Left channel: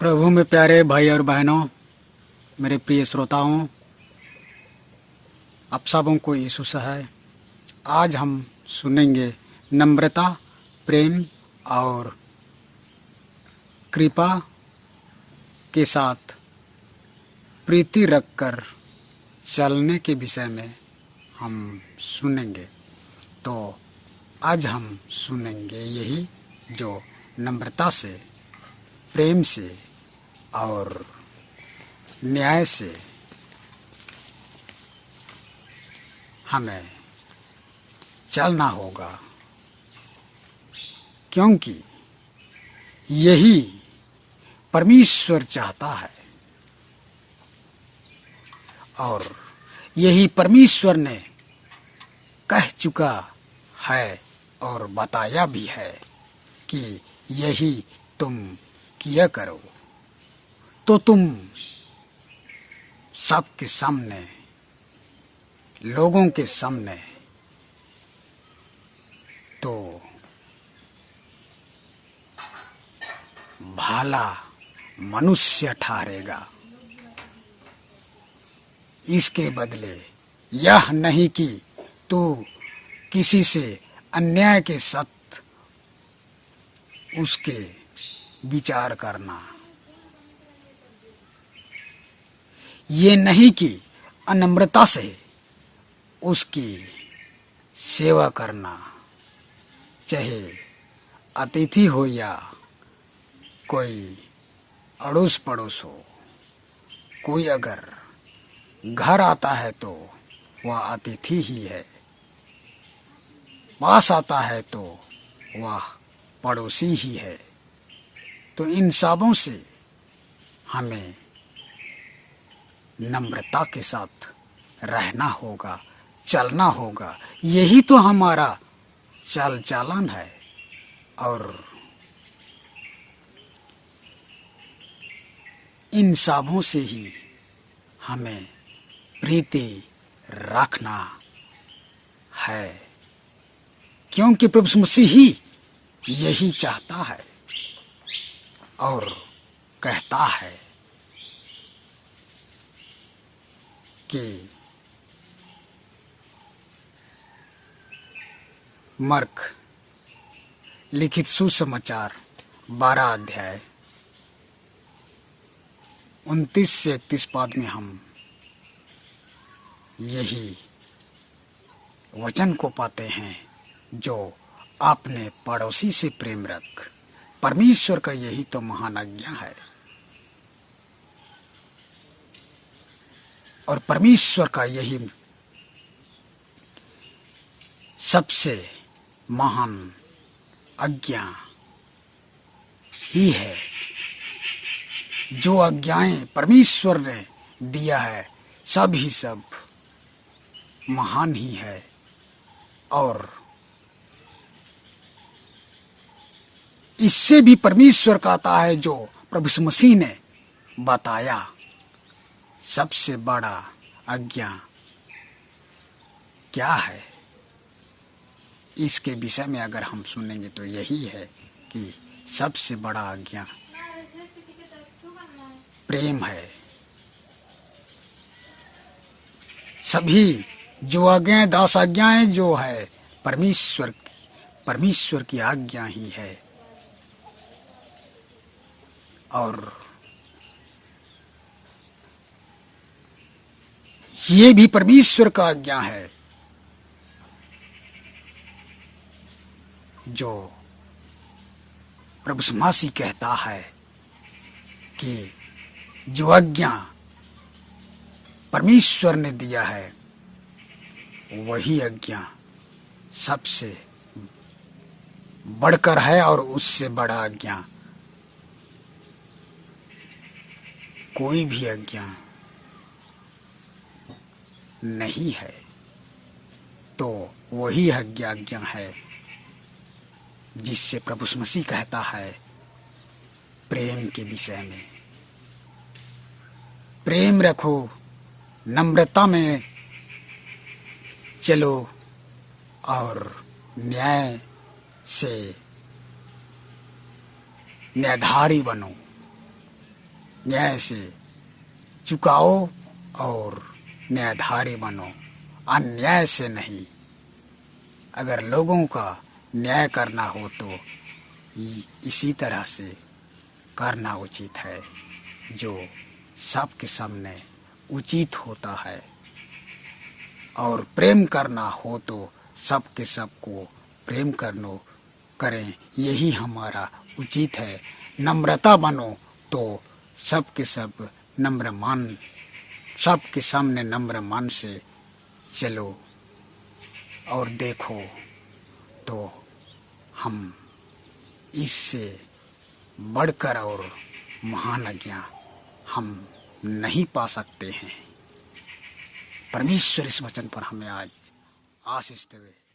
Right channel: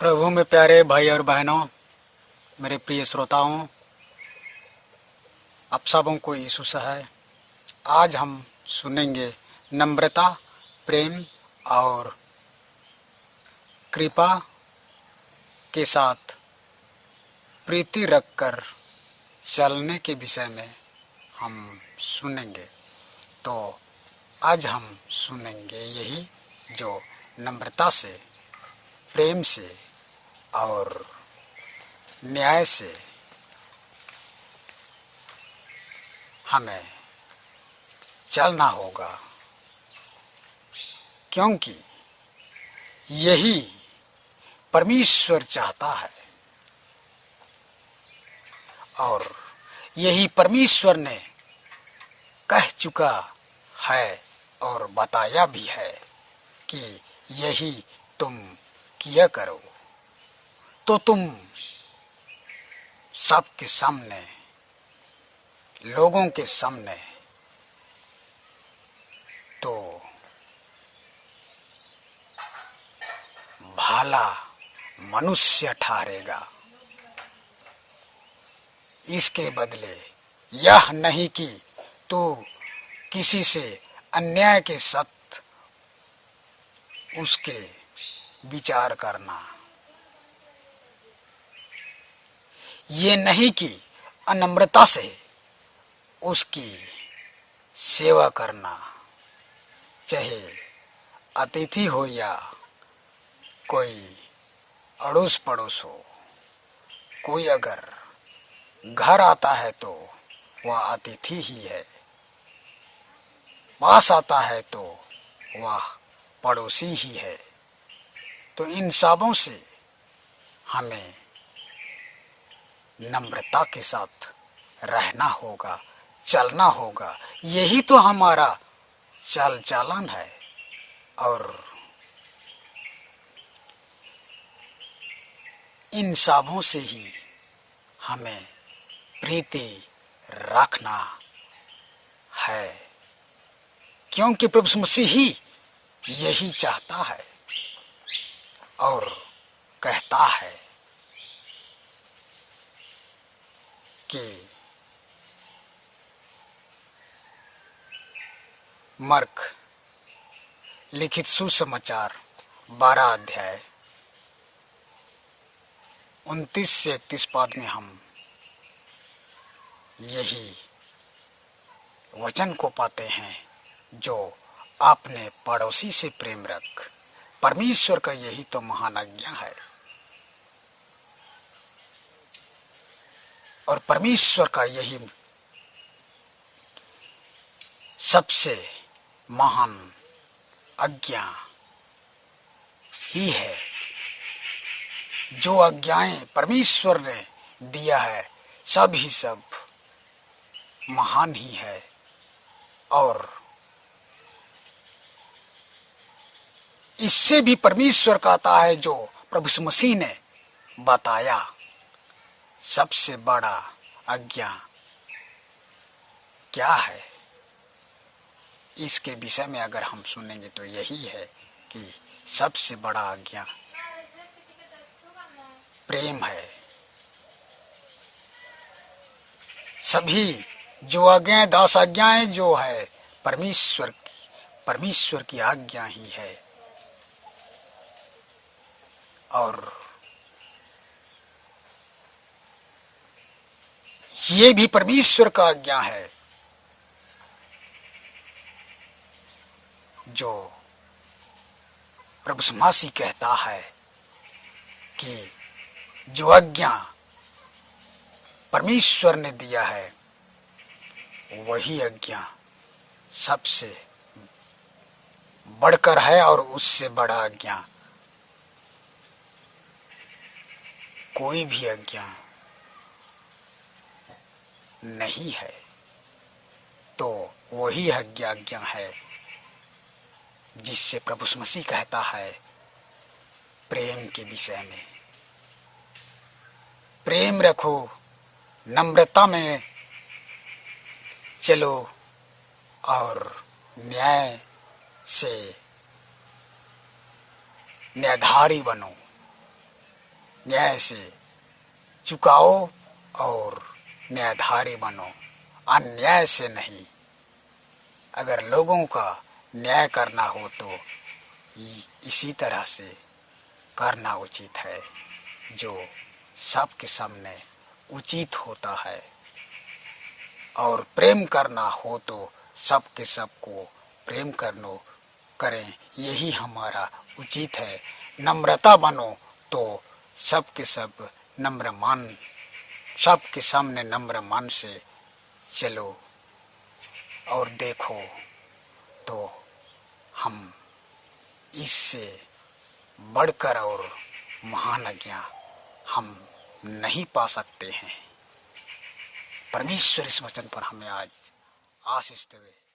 प्रभु में प्यारे भाई और बहनों, मेरे प्रिय श्रोताओं, आप सबों को यीशु है। आज हम सुनेंगे नम्रता, प्रेम और कृपा के साथ प्रीति रखकर चलने के विषय में हम सुनेंगे। तो आज हम सुनेंगे यही जो नम्रता से, प्रेम से और न्याय से हमें चलना होगा, क्योंकि यही परमेश्वर चाहता है और यही परमेश्वर ने कह चुका है और बताया भी है कि यही तुम किया करो तो तुम सबके सामने, लोगों के सामने तो भला मनुष्य ठहरेगा। इसके बदले यह नहीं कि तू किसी से अन्याय के साथ उसके विचार करना, ये नहीं कि अनम्रता से उसकी सेवा करना, चाहे अतिथि हो या कोई अड़ोस पड़ोस हो। कोई अगर घर आता है तो वह अतिथि ही है, पास आता है तो वह पड़ोसी ही है। तो इन सबों से हमें नम्रता के साथ रहना होगा, चलना होगा। यही तो हमारा चाल चलन है और इन सबों से ही हमें प्रीति रखना है, क्योंकि प्रभु मसीह ही यही चाहता है और कहता है कि मर्क लिखित सुसमाचार 12 अध्याय 29 से 31 पद में हम यही वचन को पाते हैं, जो आपने पड़ोसी से प्रेम रख। परमेश्वर का यही तो महान आज्ञा है और परमेश्वर का यही सबसे महान आज्ञा ही है। जो आज्ञाएं परमेश्वर ने दिया है सब ही सब महान ही है और इससे भी परमेश्वर कहता है जो प्रभु यीशु मसीह ने बताया सबसे बड़ा आज्ञा क्या है। इसके विषय में अगर हम सुनेंगे तो यही है कि सबसे बड़ा आज्ञा प्रेम है। सभी जो आज्ञाएं, 10 आज्ञाएं जो है परमेश्वर की आज्ञा ही है और ये भी परमेश्वर का आज्ञा है जो प्रभु यीशु मसीह कहता है कि जो आज्ञा परमेश्वर ने दिया है वही आज्ञा सबसे बढ़कर है और उससे बड़ा आज्ञा कोई भी आज्ञा नहीं है। तो वही आज्ञा है जिससे प्रभु यीशु मसीह कहता है प्रेम के विषय में। प्रेम रखो, नम्रता में चलो और न्याय से न्यायधारी बनो। न्याय से चुकाओ और न्यायधारी बनो, अन्याय से नहीं। अगर लोगों का न्याय करना हो तो इसी तरह से करना उचित है, जो सबके सामने उचित होता है। और प्रेम करना हो तो सबके सबको प्रेम करें, यही हमारा उचित है। नम्रता बनो तो सबके सब सबके सामने नम्र मान से चलो और देखो तो हम इससे बढ़कर और महान आज्ञा हम नहीं पा सकते हैं। परमेश्वर इस वचन पर हमें आज आशीष देवे।